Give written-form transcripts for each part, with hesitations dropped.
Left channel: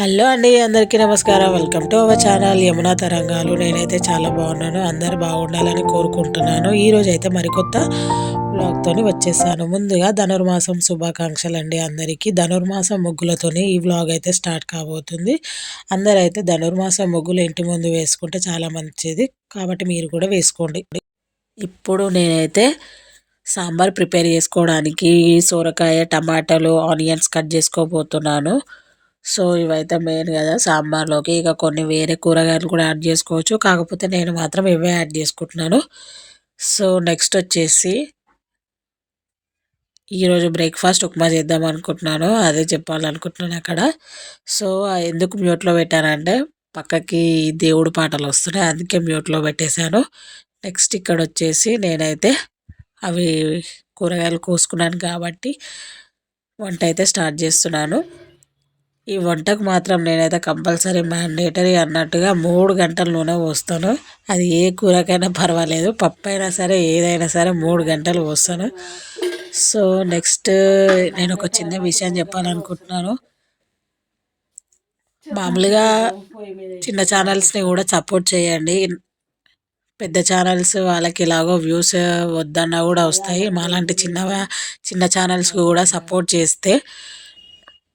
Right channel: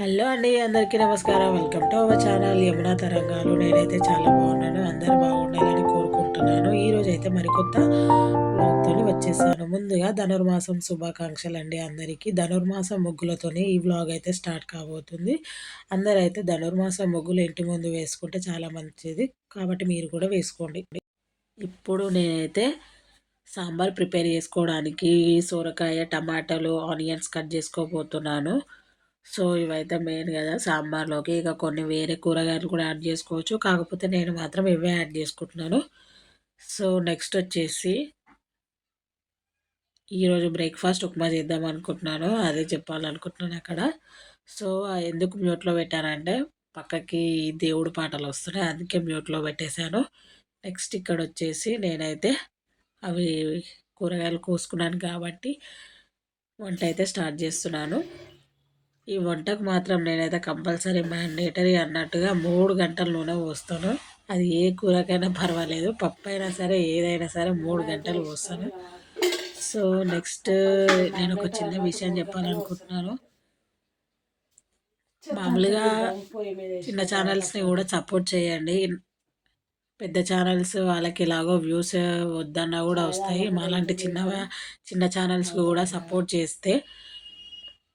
Hello అండి, అందరికీ నమస్కారం. Welcome to our channel Yamuna తరంగాలు. నేనైతే చాలా బాగున్నాను. అందరు బాగుండాలని కోరుకుంటున్నాను. ఈరోజు అయితే మరికొత్త వ్లాగ్తోని వచ్చేసాను. ముందుగా ధనుర్మాసం శుభాకాంక్షలు అండి అందరికీ. ధనుర్మాసం ముగ్గులతోని ఈ వ్లాగ్ అయితే స్టార్ట్ కాబోతుంది. అందరైతే ధనుర్మాసం ముగ్గులు ఇంటి ముందు వేసుకుంటే చాలా మంచిది, కాబట్టి మీరు కూడా వేసుకోండి. ఇప్పుడు నేనైతే సాంబార్ ప్రిపేర్ చేసుకోవడానికి సోరకాయ, టమాటాలు, ఆనియన్స్ కట్ చేసుకోబోతున్నాను. సో ఇవైతే మెయిన్ కదా సాంబార్లోకి. ఇక కొన్ని వేరే కూరగాయలు కూడా యాడ్ చేసుకోవచ్చు, కాకపోతే నేను మాత్రం ఇవే యాడ్ చేసుకుంటున్నాను. సో నెక్స్ట్ వచ్చేసి ఈరోజు బ్రేక్ఫాస్ట్ ఉప్మా చేద్దాం అనుకుంటున్నాను, అదే చెప్పాలనుకుంటున్నాను అక్కడ. సో ఎందుకు మ్యూట్లో పెట్టానంటే పక్కకి దేవుడు పాటలు వస్తున్నాయి, అందుకే మ్యూట్లో పెట్టేశాను. నెక్స్ట్ ఇక్కడ వచ్చేసి నేనైతే అవి కూరగాయలు కోసుకున్నాను కాబట్టి వంట అయితే స్టార్ట్ చేస్తున్నాను. ఈ వంటకు మాత్రం నేనైతే కంపల్సరీ మ్యాండేటరీ అన్నట్టుగా 3 గంటల నూనె పోస్తాను. అది ఏ కూరకైనా పర్వాలేదు, పప్పు అయినా సరే ఏదైనా సరే 3 గంటలు పోస్తాను. సో నెక్స్ట్ నేను ఒక చిన్న విషయం చెప్పాలనుకుంటున్నాను. మామూలుగా చిన్న ఛానల్స్ని కూడా సపోర్ట్ చేయండి. పెద్ద ఛానల్స్ వాళ్ళకి ఎలాగో వ్యూస్ వద్దన్నా కూడా వస్తాయి. మాలాంటి చిన్న ఛానల్స్కి కూడా సపోర్ట్ చేస్తే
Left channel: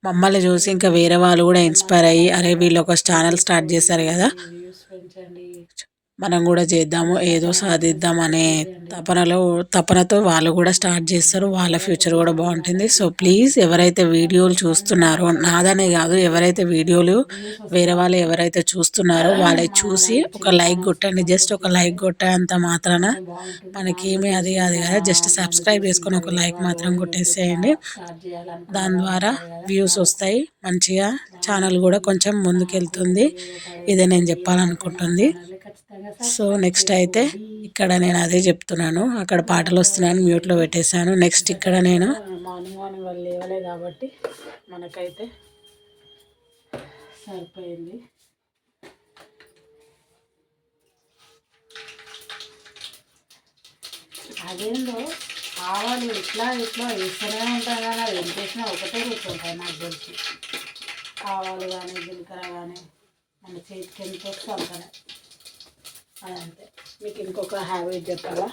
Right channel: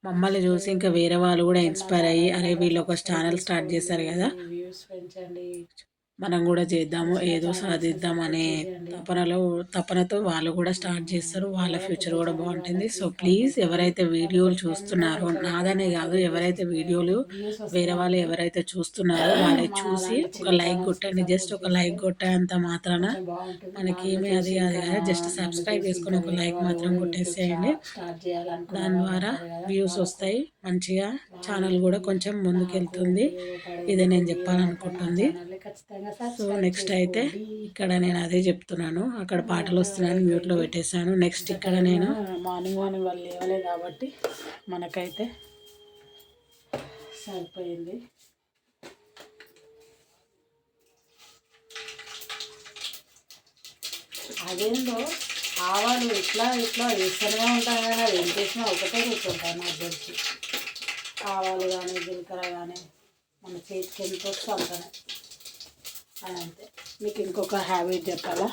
మమ్మల్ని చూసి ఇంకా వేరే వాళ్ళు కూడా ఇన్స్పైర్ అయ్యి, అరే వీళ్ళు ఒక ఛానల్ స్టార్ట్ చేశారు కదా, మనం కూడా చేద్దాము, ఏదో సాధిద్దాం అనే తపనతో వాళ్ళు కూడా స్టార్ట్ చేస్తారు. వాళ్ళ ఫ్యూచర్ కూడా బాగుంటుంది. సో ప్లీజ్ ఎవరైతే వీడియోలు చూస్తున్నారో, నాదనే కాదు, ఎవరైతే వీడియోలు వేరే వాళ్ళు ఎవరైతే చూస్తున్నారో వాళ్ళని చూసి ఒక లైక్ కొట్టండి. జస్ట్ ఒక లైక్ కొట్టేంత మాత్రాన మనకేమీ అది కాదు కదా, జస్ట్ సబ్స్క్రైబ్ చేసుకొని ఒక లైక్ మాత్రం కొట్టేసేయండి. దాని ద్వారా వ్యూస్ వస్తాయి, మంచిగా ఛానల్ కూడా కొంచెం ముందుకెళ్తుంది. ఇదే నేను చెప్పాలనుకుంటుంది. సో నెక్స్ట్ అయితే ఇక్కడ నేను అదే చెప్తున్నాను, అక్కడ పాటలు వస్తున్నాయని మ్యూట్లో పెట్టేశాను. నెక్స్ట్ ఇక్కడ నేను మార్నింగ్ వాళ్ళు లేవలే కాబట్టి మనకైతే సరిపోయింది. అదేందో ఆవాలు ఇట్లా వేస్తూనే ఉంటాయి కానీ అది ఏం చేసినా ఒకటే కూర్చుంటాయి నాకు తెలిసి. ఆవాలు కానీ జీలకర్ర కానీ మన చేతికి ఎంత వస్తే అంతనే. అదంతే. మీకు ఇంకొక హ్యాబిట్ చెప్పాలా,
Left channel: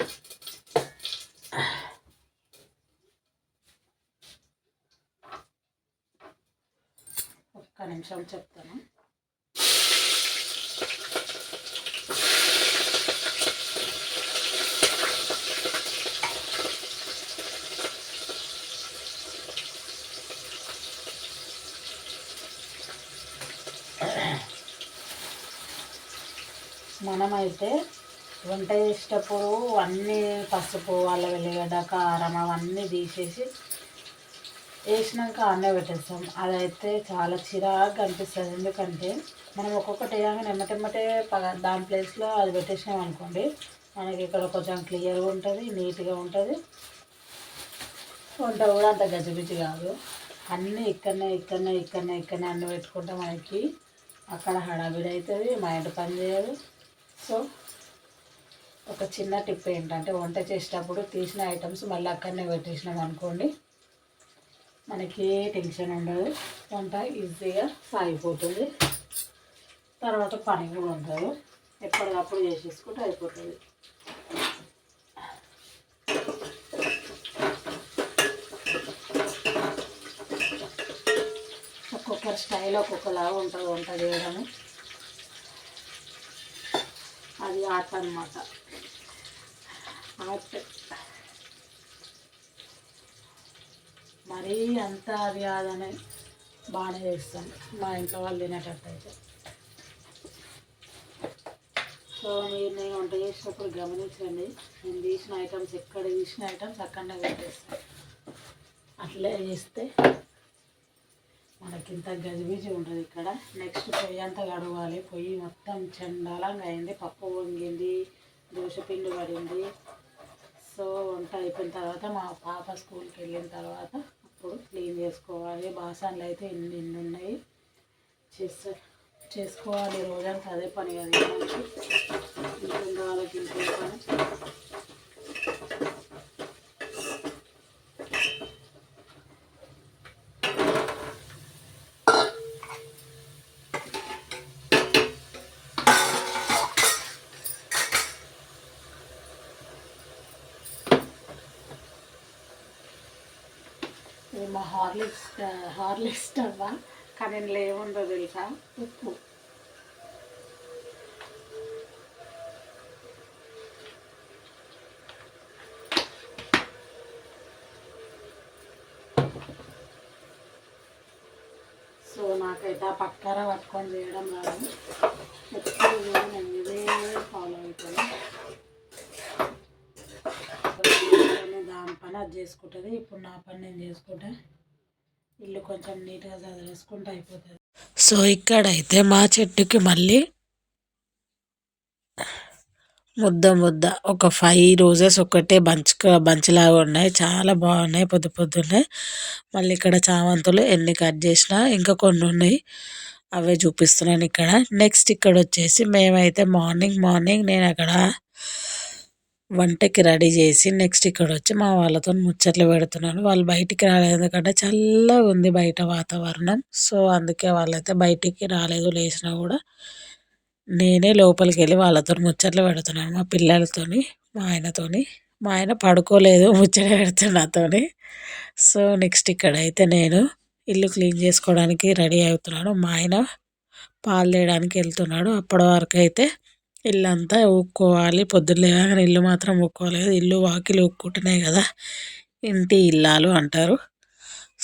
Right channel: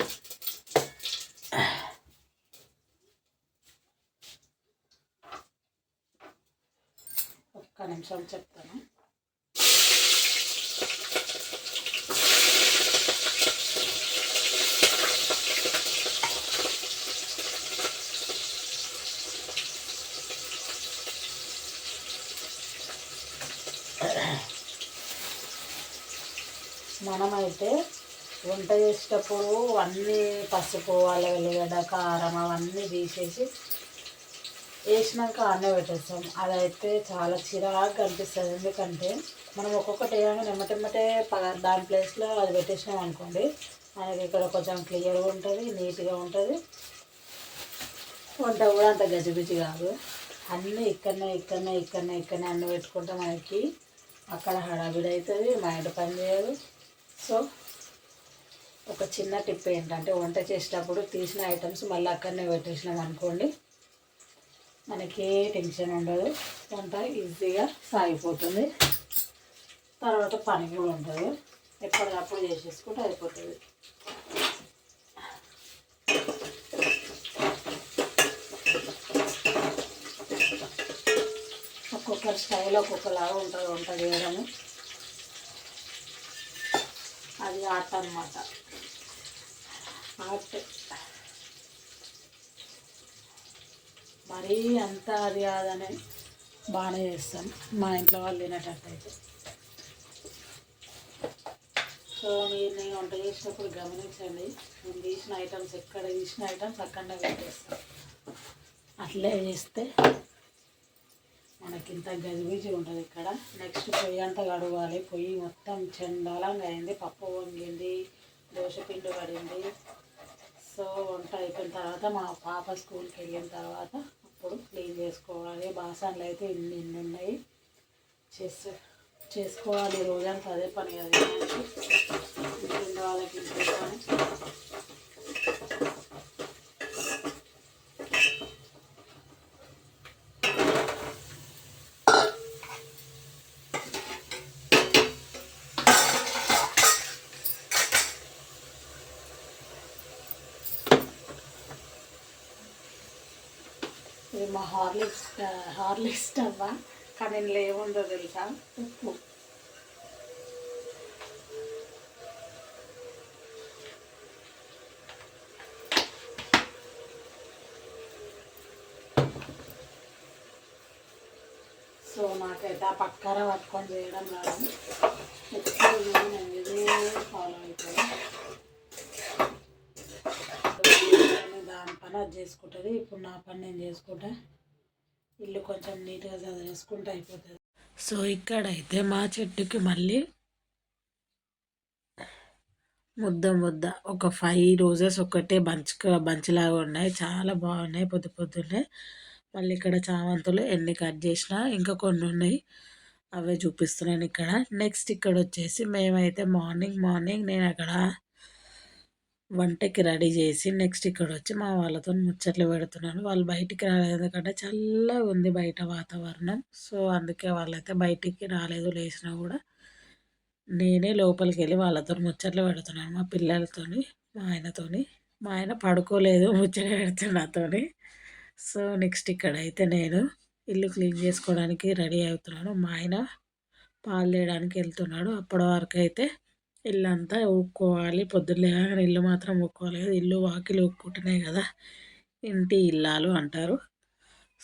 ఒక్క నిమిషం చెప్తాను. మనమైతే వంట చేసేటప్పుడు అన్నీ పసుపు, అల్లం వెల్లిగడ్డ, కారం అవన్నీ తీసేసి వేసినాక అన్నే పెట్టేస్తాం. అదైతే చాలా చిరాకు అనిపిస్తుంది. ఎందుకంటే మనం ఒక్కొక్కటి వేయగానే ఎమ్మటెమ్మటే దాని ప్లేస్లో అది పెట్టేసినాం అనుకోండి, మనకి ఇక్కడ కొంచెం క్లియర్గా ఉంటుంది, నీట్గా ఉంటుంది, వంట కూడా అంత గజిబిజి కాదు. అన్నీ ఇక్కడనే అన్నీ పెట్టుకుంటే మనకి అక్కడ హడావిడి అవుతుంది, మైండ్ పని చేయదు. సో ఒక చిన్న టిప్ ఏంటంటే వంట చేసేటప్పుడు తీసిన ఐటమ్స్ మళ్ళీ అక్కడనే పెట్టేసినాం అనుకోండి, మనకి ఏ టెన్షన్ ఉండదు, వంట ఈజీగా సాగిపోతుంది, తర్వాత పని కూడా ఉండదు, ఎప్పటికప్పుడు చేసేసుకుంటే అయిపోతుంది. ఒక్కొక్కరి స్టైల్ ఒక్కొక్కలాగా ఉంటుంది వంట చేయడము, అది ఆర్ట్ అన్నమాట. ఆర్ట్ మరీ అంత అది కాదని బాగానే చేస్తాను మా ఇంట్లో వాళ్ళు తినేటట్టయితే. సో మీరు నేను వంట చేసినప్పుడు గమనించండి, నేను తీసిన ఐటమ్స్ ఎక్కడ తీసిన ఐటమ్స్ అక్కడనే పెట్టేస్తాను. అట్లే చేస్తే మనకింత గజిబిజి ఉంటుంది ఇక్కడ. నెక్స్ట్ పొయ్యి అంతా గడవాలి. పొయ్యి మొత్తం చండాలంగా అయింది, పప్పు వంగింది, దోశపిండి పడింది. సో వంట అయిపోయిన తర్వాత మా పాప స్కూల్కి వెళ్ళిన తర్వాత అప్పుడు క్లీన్ చేసుకోవాలి. బాసనలు అయితే ఇన్ని ఉన్నాయి, చేసుకోవాలి. రోజంతా అదే పని కదా, ఇంట్లో వాళ్ళకి ఇంట్లో పని. ఇదేమో హార్లిక్స్ డబ్బా, కానీ ఇందులో ఏముందో తెలుసా, ఉప్పు. సో నాకైతే ఆ పక్కన పట్టుకొని చేయడం రాదు, నేను ఇదే ఫాలో అవుతాను. దాని పని అది చేసుకుంటుంది, ఇప్పుడు నా పని నేను చేసుకుంటా, ఇల్లు కొంచెం నీట్గా చదివేసుకుంటే అయిపోతుంది. సో ఇక్కడైతే మా చెట్టుకి మళ్ళీ ముద్ద ఒక 5 రోజెస్ ఒకటే బంచ్లాగా ఉన్నాయి, చాలా బాగున్నాయి పొద్దున్నే. మళ్ళీ ఇక్కడ చామంతులు ఎన్ని కట్ చేసినా ఇంకా కొన్ని ఉన్నాయి, అవే చూపిస్తున్నాను ఇక్కడ. నెక్స్ట్ ఇక్కడ వచ్చేసి మేమైతే మార్నింగ్ నేను అక్కడ వంటకి రెడీ చేసి నెక్స్ట్ ఇక్కడ వచ్చి మా వాళ్ళతో ముచ్చట్లు పెడుతున్నాను. వాళ్ళు బయటికి రాలేదు, ఎందుకంటే చల్లగా ఉంది బయట వాతావరణం. సో అందుకే వాళ్ళైతే బయటికి రాలేదు, లేచినా కూడా నేనే లోపలికి వెళ్ళి వాళ్ళతో ముచ్చట్లు పెడుతున్నాను, మా పిల్లలతోని, మా ఆయనతోని. మా ఆయన పడుకోలేదు, ముచ్చట పెడుతున్నాను నాతోని. సో నెక్స్ట్ ఇక్కడైతే నేను ఇల్లు క్లీన్ చేసుకోవడానికి రెడీ అవుతున్నాను. మా ఆయన పాలు తేయడానికి వెళ్తున్నాడు. అప్పటి వరకు అయితే ఇల్లంతా ఊక్కోవాలి, పొద్దున్న లేవగానే ఇల్లు మాత్రం ఊక్కోలేదు. ఇల్లు వాకిలు ఊక్కుంటున్నాయి కదా ఇంటి ఇల్లాలు అంటారు.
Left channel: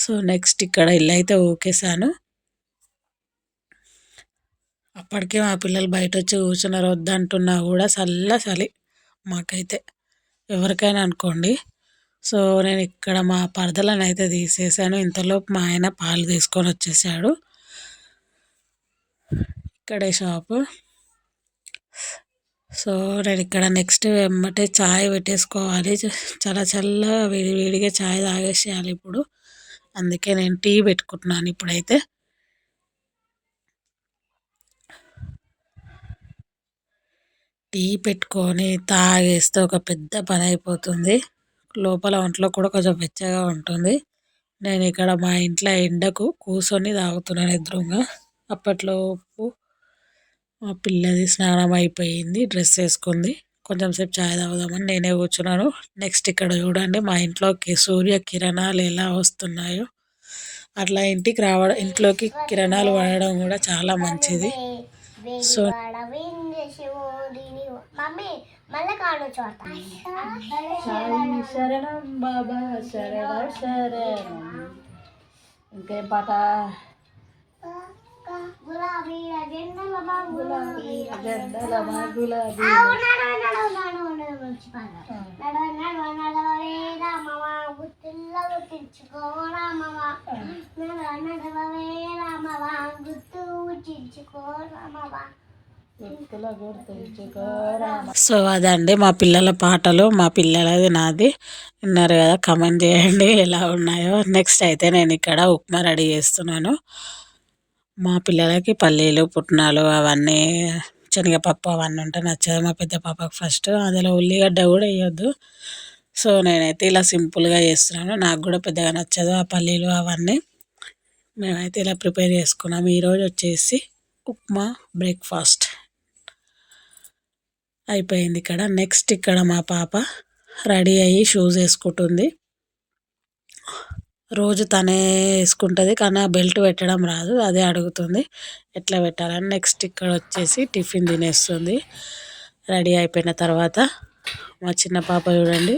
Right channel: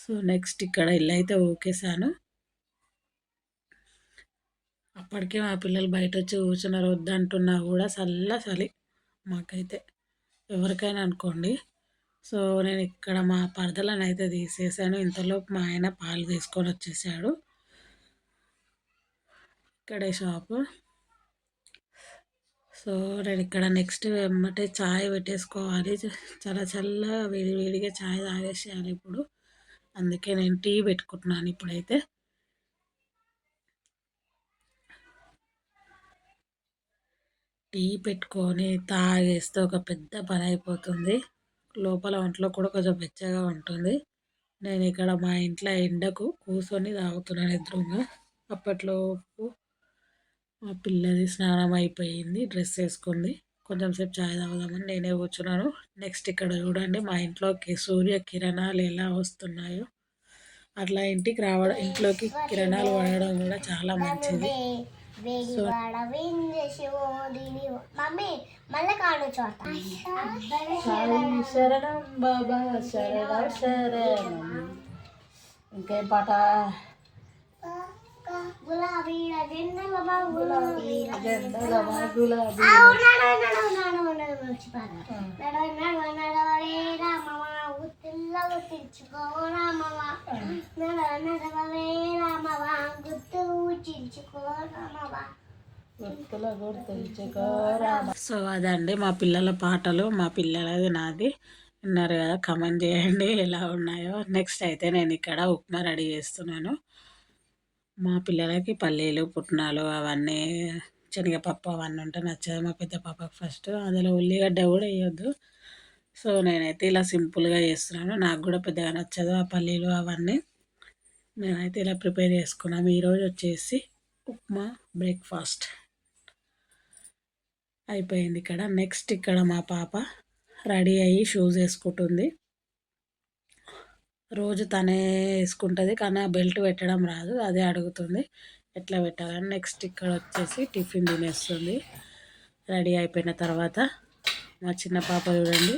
సో నెక్స్ట్ ఇక్కడ ఇల్లు అయితే ఊకేసాను. అప్పటికే మా పిల్లలు బయట వచ్చి కూర్చున్నారు, వద్దంటున్నా కూడా చలి మాకైతే, ఎవరికైనా అనుకోండి. సో నేను ఇక్కడ మా పరదలను అయితే తీసేసాను. ఇంతలోపు మా ఆయన పాలు తీసుకొని వచ్చేసాడు. ఇక్కడే షాపు. సో నేను ఇక్కడ నెక్స్ట్ వెంబటే చాయ్ పెట్టేసుకోవాలి, చాలా చల్లగా వేడిగా చాయ్ తాగేసేయాలి ఇప్పుడు. అందుకే నేను టీ పెట్టుకుంటున్నాను ఇప్పుడైతే. టీ పెట్టుకొని తాగేస్తే ఒక పెద్ద పని అయిపోతుంది, లోపల ఒంట్లో కూడా కొంచెం వెచ్చగా ఉంటుంది. నేను ఇక్కడ మా ఇంట్లో ఎండకు కూర్చొని తాగుతున్నాను ఎదురుగా. అప్పట్లోపు మా పిల్లది స్నానం అయిపోయింది, డ్రెస్ వేసుకుంది, కొంచెం సేపు చాయ్ తాగుదామని నేనే కూర్చున్నాను. నెక్స్ట్ ఇక్కడ చూడండి మా ఇంట్లోకి సూర్య కిరణాలు ఎలా వస్తున్నాయో, అట్లా ఇంట్లోకి కిరణాలు పడడం కూడా చాలా మంచిది. సో శరణం బాబా శరణం. ఇంకేం పాట? గులాబీ సో అదండి మా పిల్లల పాటలు, మా పిల్లలది నాది విన్నారు కదా, కమెంట్ చేయండి ఎలా ఉన్నాయో. నెక్స్ట్ అయితే నేను ఇక్కడ ఉప్మా రెడీ చేస్తున్నాను. మా పిల్లలకి పల్లీలు పుట్నాలు అవన్నీ శనగపప్పు అవన్నీ ఉంటే నచ్చదు మా పెద్ద పాపకు. ఫస్ట్ అందులో ఉల్లిగడ్డ కూడా వేయొద్దు. సో నేనైతే ఇలా సింపుల్గా చేస్తున్నాను, నాకు కూడా పెద్దగా నచ్చదు ఆ పల్లీలు అవన్నీ. మేమైతే ఇలా ప్రిపేర్ చేసుకున్నాం. ఈరోజు వచ్చేసి ఉప్మా బ్రేక్ఫాస్ట్ అయిపోయింది ఇక్కడ. నెక్స్ట్ ఇక్కడ మా పాప రెడీ అయ్యి షూస్ వేసుకుంటుంది. రోజు తనే వేసుకుంటుంది, కానీ ఆ బెల్ట్ పెట్టడం రాదు, అదే అడుగుతుంది ఎట్లా పెట్టాలని. నెక్స్ట్ ఇక్కడ వచ్చేసి టిఫిన్ తినేస్తుంది రెడీ అయిపోయిన తర్వాత. మా చిన్న పాప చూడండి,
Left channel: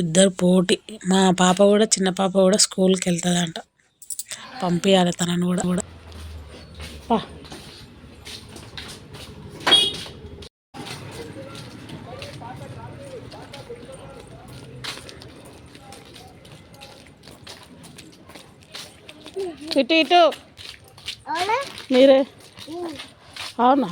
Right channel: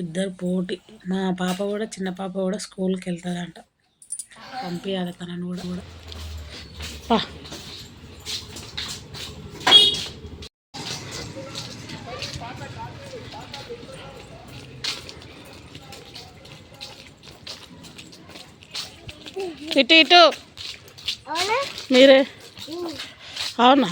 ఇద్దరు పోటీ. మా పాప కూడా, చిన్న పాప కూడా స్కూల్కి వెళ్తుందంట, పంపించాలి తనను కూడా. పా ఇటు మీరే. అవునా?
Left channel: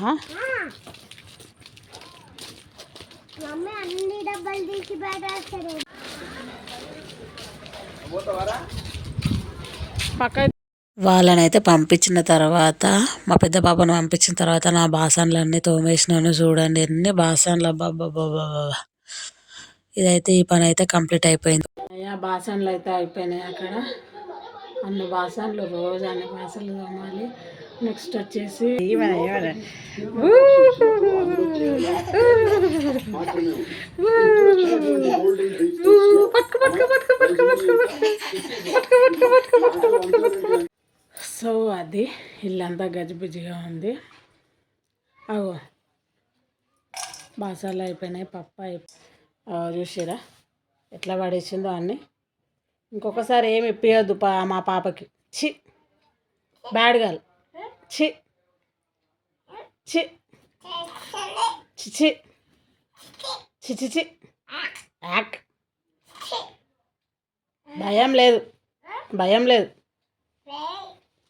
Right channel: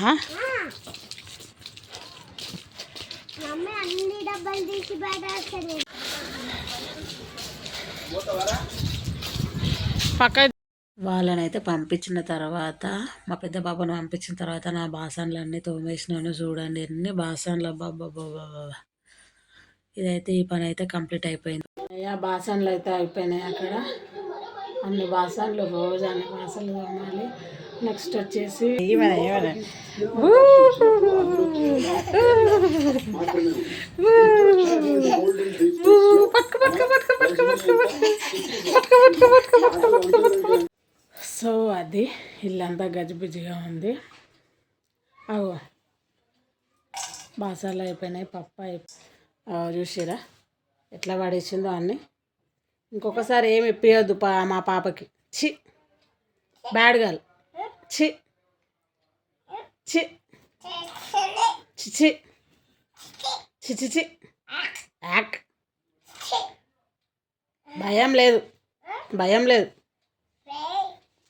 వాళ్ళనైతే పంపించిన తర్వాత, మా పెద్ద పాపను పంపించిన తర్వాత నా బాసన్లన్నీ తోమేసినాను. చూడండి ఎన్ని బాసన్లు, అబ్బాబ్బాబ్బా. ఇదైతే ఈ పని అయితే కంప్లీట్ అయిపోయింది. బాసన్లు అయితే అయిపోయినాయి అక్కడ. అన్ని బాసనలు రోజు అన్ని బాసనలు తోమాలి. నెక్స్ట్ వచ్చేసి సో అది ఇల్లంతా గజిబిజిగా ఉంది. అగో బాసాలు అయిపోయినాయి, పప్పు చూసిరా ఎట్లా పడేసిందో అన్నీ. ఇంకొకసారి ఏమి ఇప్పియొద్దు మా పాపకి. చి బ్యాడ్ గర్ల్. చి చి చి చి చి చి యాక్. భయం లేదు, భయం లేదు.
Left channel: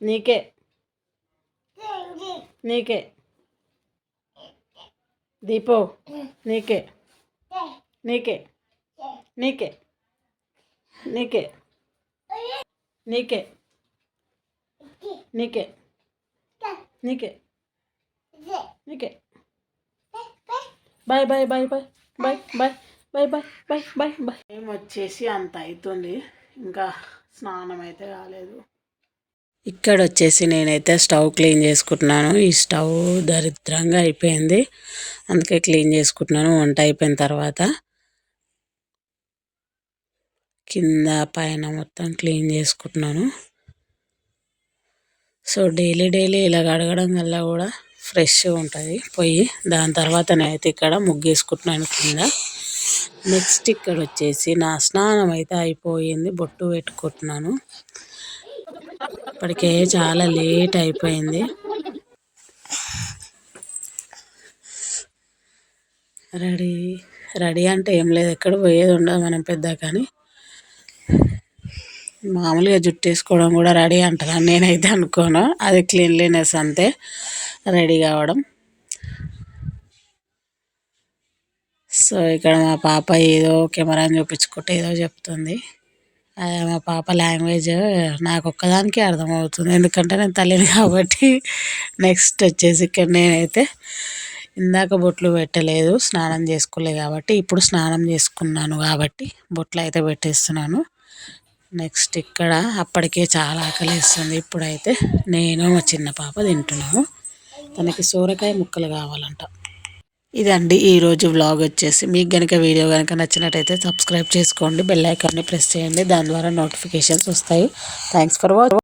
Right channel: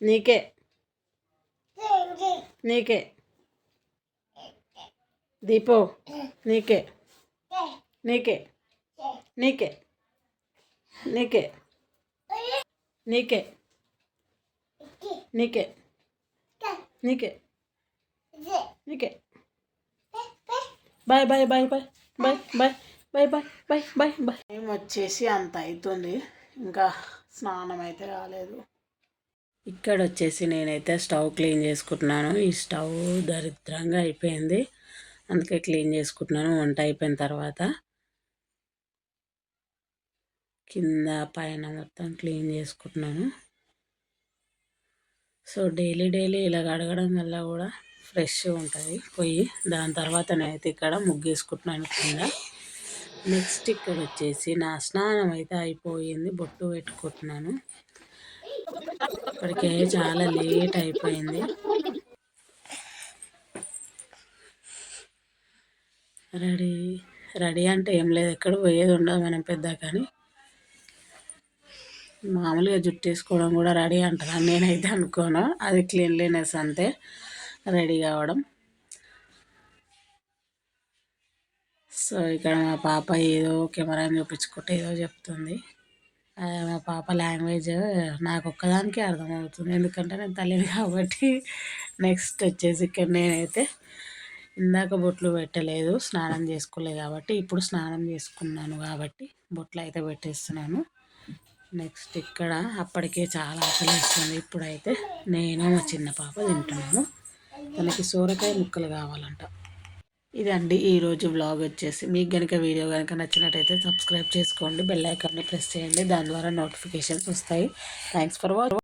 నీకే నీకే దీపో, నీకే నీకే నీకే నీకే నీకే నీకే నీకే నీకే. Bye bye bye bye bye bye bye bye bye bye bye. ఏం వచ్చేసి అంత అవుతుంది, ఇంకా స్నానం అయితే కాలేదు. ఇక్కడ వచ్చేసి నేనైతే స్టవ్ క్లీన్ చేసుకుంటున్నాను. ఈ స్టవ్ దరిద్రంగా అయిపోయింది, అందుకే క్లీన్ చేసుకుంటున్నాను. వంట అయిపోయిన తర్వాత కింద పైన మొత్తం క్లీన్ చేసుకుంటున్నాను. సో డైలీ ఇలా కడగడం వల్ల కూడా ఫ్రెష్గా ఉంటుంది పొయ్యి. దాని తర్వాత నేనైతే ఇక్కడ ముగ్గేసుకుంటున్నాను కింద. నెక్స్ట్ ఇక్కడ వచ్చేసి నా స్నానం అయితే అయిపోయింది, బొట్టు పెట్టుకుంటున్నాను. ఇప్పటికే చాలా లేట్ అయిపోయింది. రెడీ అంటే ఏం లేదు, ఎక్కడ పోయేది ఉండదు మనం పెద్ద. కానీ మామూలుగా జుట్టు వేసుకోవడం కూడా రెడీ అంటారా? నేనైతే అనుకోను, అది క్లీన్లీనెస్ అంతే రెడీ కావడం. సో ఇక్కడ మా పాప ఏదో కెమెరాని చూపించుకుంటే ఏదో చెప్తుంది. అదే మా పాప లాంగ్వేజ్ నాకు ఒక్కదానికే అర్థమవుతుంది, ఎందుకంటే నేను తల్లిని కాబట్టి. నెక్స్ట్ వచ్చేసి ఇక్కడ నేనైతే ఇందాక బొట్లు పెట్టలేదు, స్నానం చేసుకోలేదు కాబట్టి. ఇప్పుడు స్నానం చేసుకున్నాను కాబట్టి బొట్లు అయితే పెట్టేస్తున్నాను. నెక్స్ట్ ఇక్కడ అప్పటికే చాలా ఆకలిస్తుంది. ఇప్పుడైతే నేను మా చిన్న పాప తింటున్నాము. తనకి సోరకాయ ముక్కలు కావాలంట. ఇదండి ఈరోజు వ్లాగ్ వచ్చేసి. మీకు కనుక వీడియో కనుక నచ్చినట్టయితే సబ్స్క్రైబ్ చేసుకోండి, బెల్ ఐకాన్ని ప్రెస్ చేయండి, దాని ద్వారా నోటిఫికేషన్స్ వస్తాయి. Thanks for watching.